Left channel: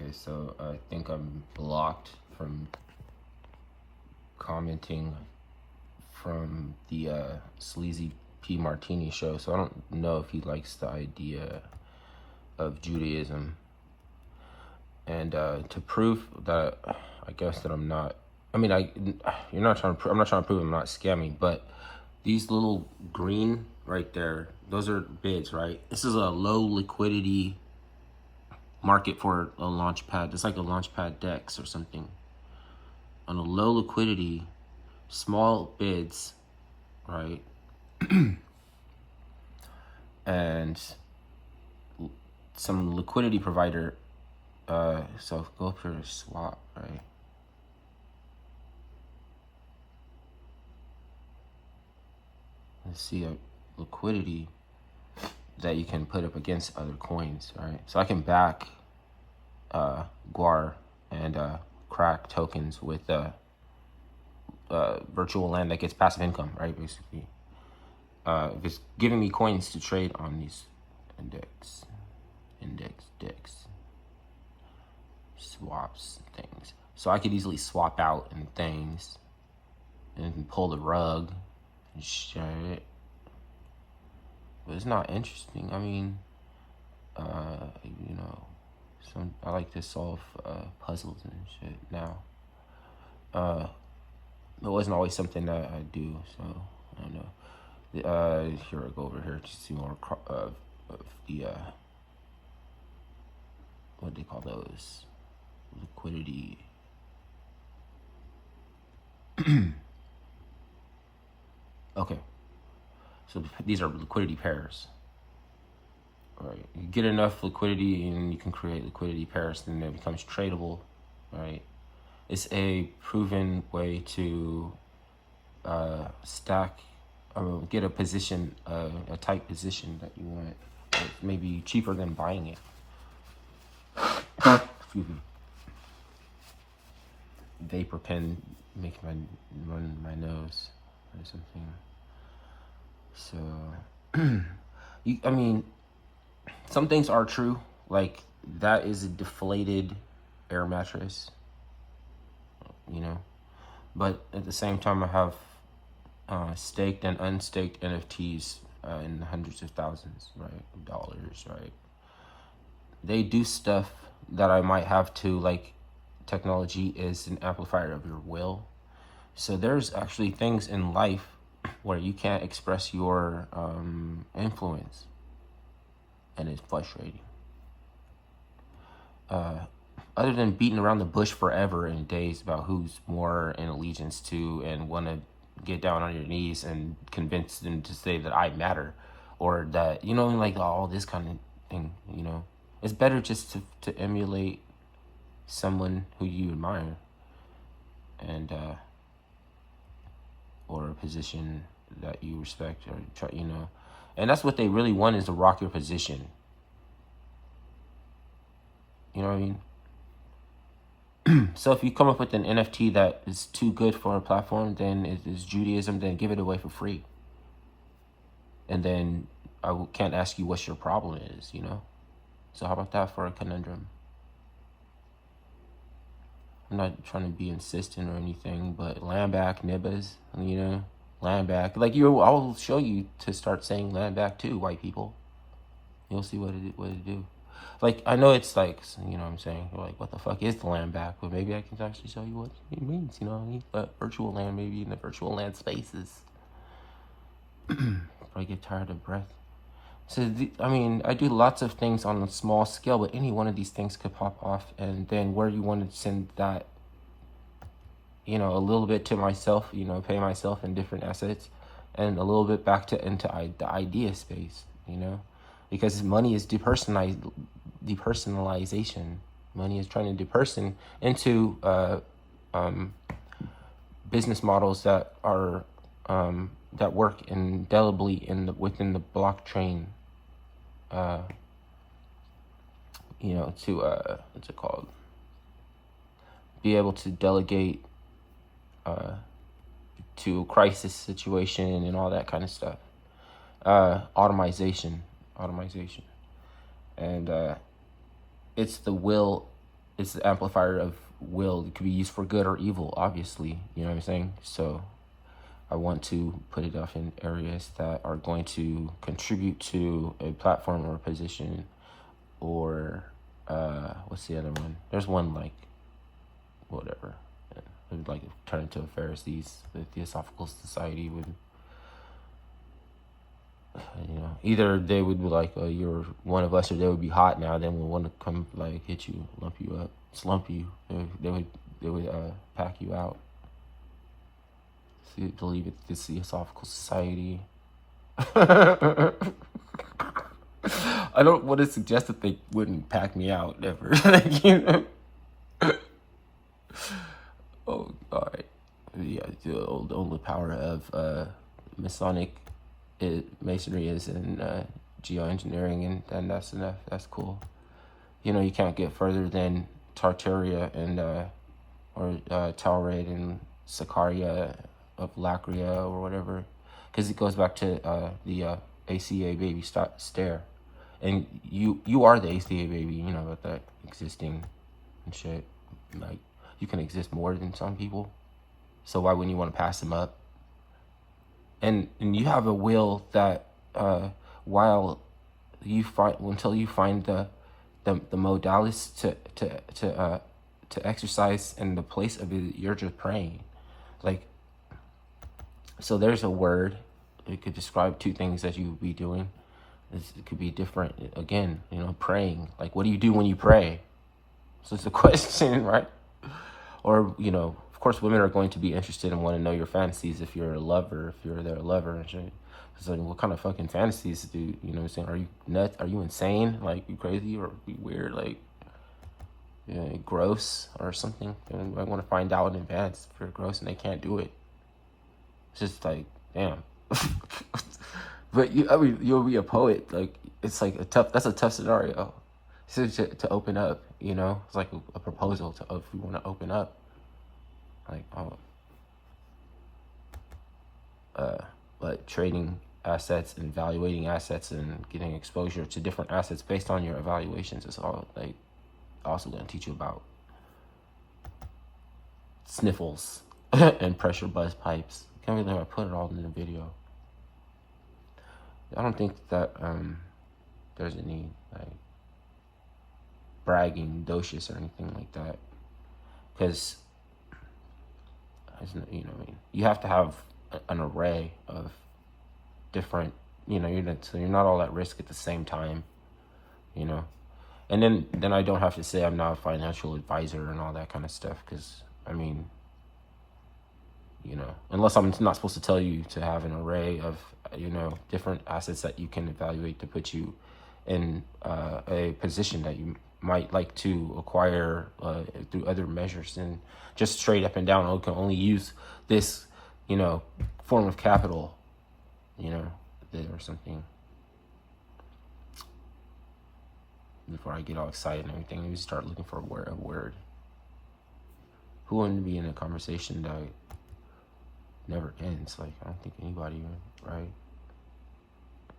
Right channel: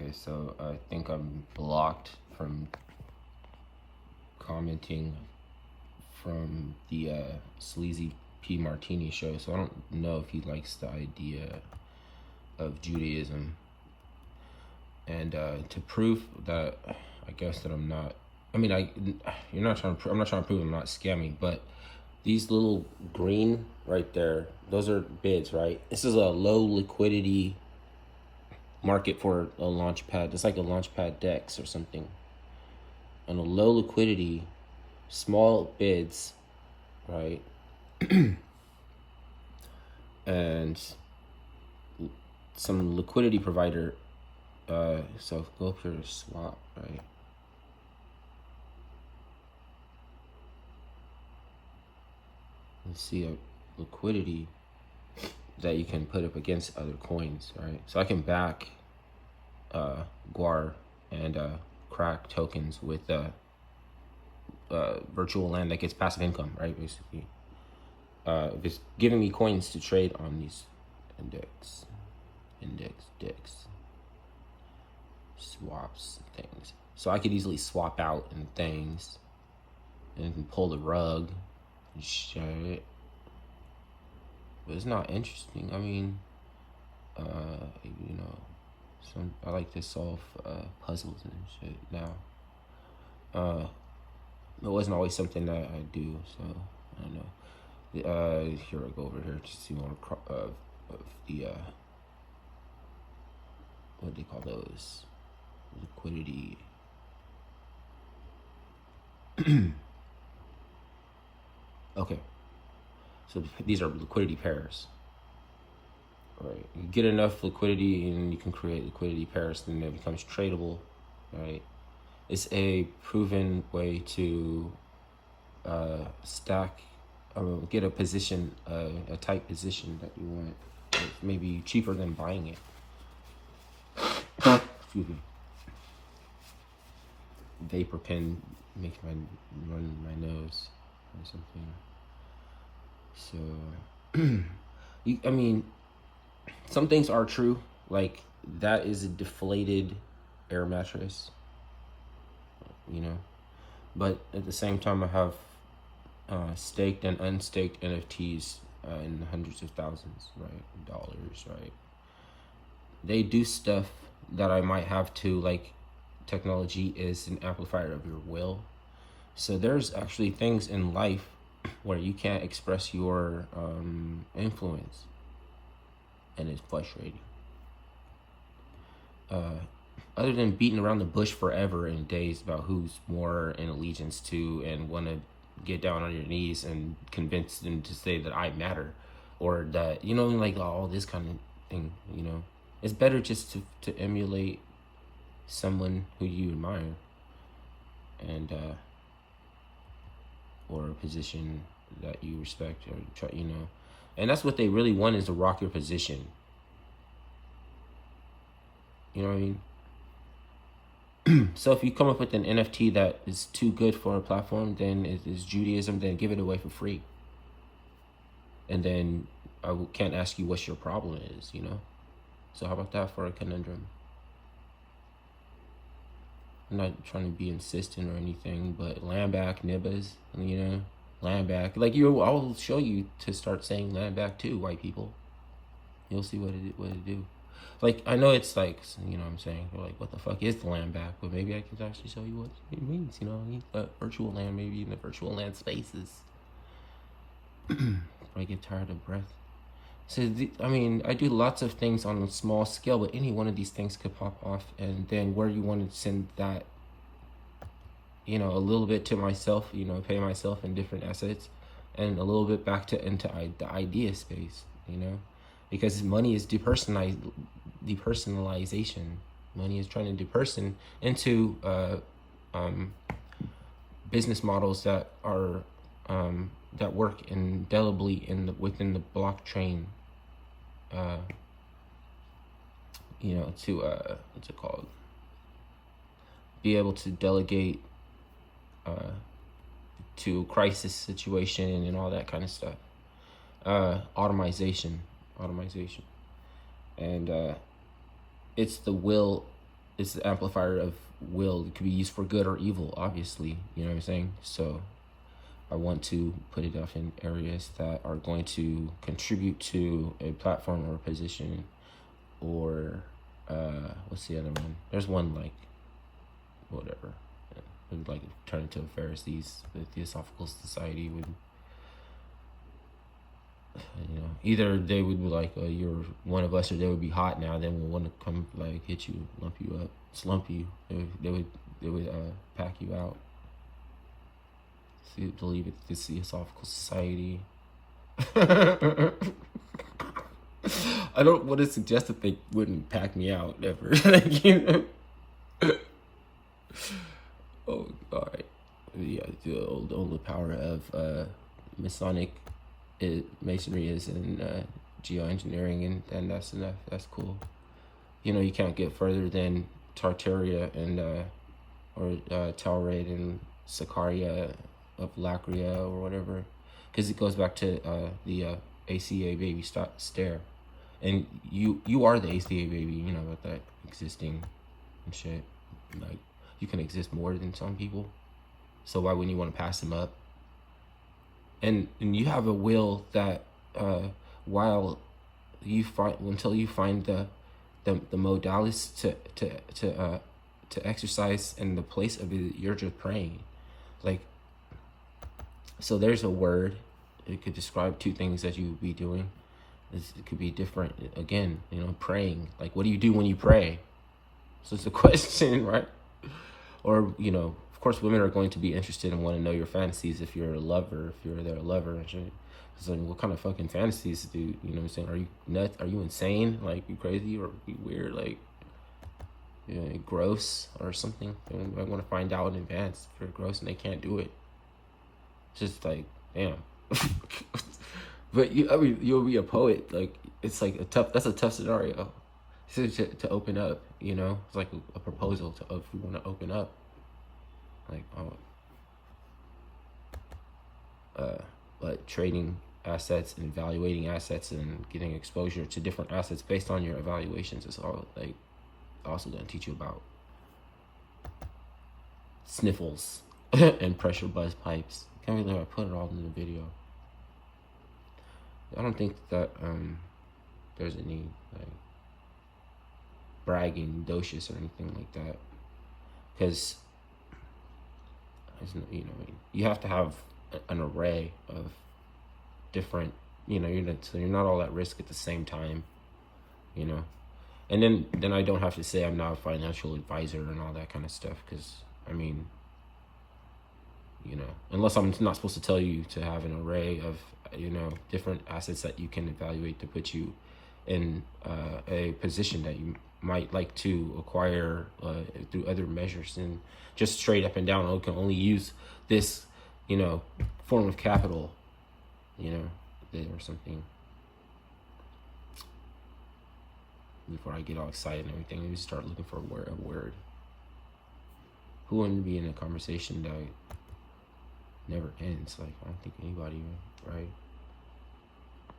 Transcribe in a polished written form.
Okay, so I think I'm blocked from commenting from the Sleazy P. Martini show, so I don't know if he likes the idea of Judaism. And to prove that, I guess that I'm not. I mean, you're not trying to. I'm not trying to prove I'm not scamming, but these little green right there, those are bids, right? This is a low liquidity market for a launch pad. It's like a launch pad DEX or something. On a low liquidity, small bids, right? And some liquidity provider. So go up here to swap, right? And see a liquidity that you can put up against other coins, right? So I can back Guar and crack tokens with virtual land that gets passive income, right? Basically, if it's giving me coins to trade on these index swaps things, so I could easily swap out and things and pull the rug and shit. But it's not interesting. I mean, you know, I like to solve puzzles and shit now. It wasn't always something that I do, so I don't know. Here I go over here to see more of the what do they call those? Liquidity. Okay, so these are liquidity pairs. Right, you get enough liquidity and you can create liquidity pairs, then it becomes tradable, right? It's a proven way to stack, get a position, a tight position that you want, maybe cheaper than buying it. Excuse me. Vapor pen makes my run my nose or something. So, I mean, some things are true, like that is a deflated air mattress, you know, but at the same time I have staked and unstaked NFTs in the hundreds of thousands, right, dollars, right? They do stuff that I might have to, like technology is an amplifier of your will. So there's actually things in life where you can't express your influence, and it's frustrating. Other than beating around the bush forever and days about who's more in allegiance to and want to get down on your knees and convince them to say that I matter, or that, you know, like all this kind of thing, you know, it's better just to emulate someone who you admire, and or a position that you respect, or try, you know, and that's what they really want, is to rock your position. You know what I mean? So if you come up with an NFT that is too good for a platform, then it is Judaism, then give it away for free. And then can't ask you what your problem is, you know? So how about that for a conundrum? I'm not trying to be insistent or anything, but land back, nibbas, you know? Land back. Like, I'll show you to start saying land back too, white people. You'll see what it do. Like, I know it's like, you know what I'm saying? You're like, what the fuck is the land back? But maybe I can actually show you what it means, you know what I mean? But virtual land, maybe in the virtual land spaces. Before I get tired of breath. So, I mean, I do lots of things on a small scale, but any one of these things could pop off. And then where you want to send that, you know, a little bit to myself, you know, pay myself in different assets, and a little bit back into the idea space, you know? Because money is depersonalization. Money is trying to deperson into business models that are that work indelibly within the blockchain. You know, to what's it called? Be able to delegate to crisis situation and all that kind of stuff. Automation, and it's the will it's the amplifier of will. It could be used for good or evil, obviously. You know what I'm saying? So I want to put it off in areas that are going to contribute to a platform or a position, or what's the other one? There's one like whatever, would like turn into a Pharisees, the Theosophical Society would, you know, either they would be like, oh, you're one of us, or they would be hot now, then we'll want to come like hit you, lump you up, slump you. They would pack you out. So you believe it's the Theosophical Society. I don't want to suggest that they wouldn't pack me out ever. You know? Oh, all right. Yeah, the old power of Masonic masonry is in geoengineering, and that's enough. That's cool. You know, you can't get further than Tartaria and or Talraid and Sicaria of Lacria or whatever, because it goes back to the ACA baby stare, and you are the ACA baby. You know about that existing and shit. Like, you can exist more than some people, so why wouldn't you want to pass them up? And you have a will that while you find, until you find the modalities to exercise in the place of it, you're just praying. Like, so there's a word. It could describe two things that you would be doing. It could be different. Again, you know, praying. Like, what do you do when you pray? So it's a question, right? Or, you know, of course, women are going to be interested and want to know your fantasies if you're a lover, if you're their lover and shit. It's like, what kind of fucking fantasies do you know what I'm saying? Are you nuts? Are you insane? Like, you crazy or you weird? Like, you know, gross or something? And I want to find out in advance if you're gross and they can't do it. It's just like, damn. But you'll be a poet. Like, it's like that's a tough scenario. To open up, you know? It's like a proposal if you want to open up. Like, but trading assets and evaluating assets and getting exposure to different assets based on your evaluations is all, like, also going to teach you about sniffles and pressure buzz pipes. Can't believe I put it all in the video. I don't think that there's any like bragging, docious, or anything like that, because you know, you have to have an array of different, you know, you're not all at risk at the same time, you know. And then I don't have to say I'm not a financial advisor and all that kind of stuff, because I mean, you know, unless I'm not supposed to tell you to have an array of, you know, different assets that you can evaluate to put you in a position that you might like to acquire through other measures, and just straight up and down, oh, can only use this, you know, form of capital, you know, or something. Before I get all excited and everything, let me start looking for a word. Who wouldn't be in a conversation that never ends? Like, I don't think anybody, right?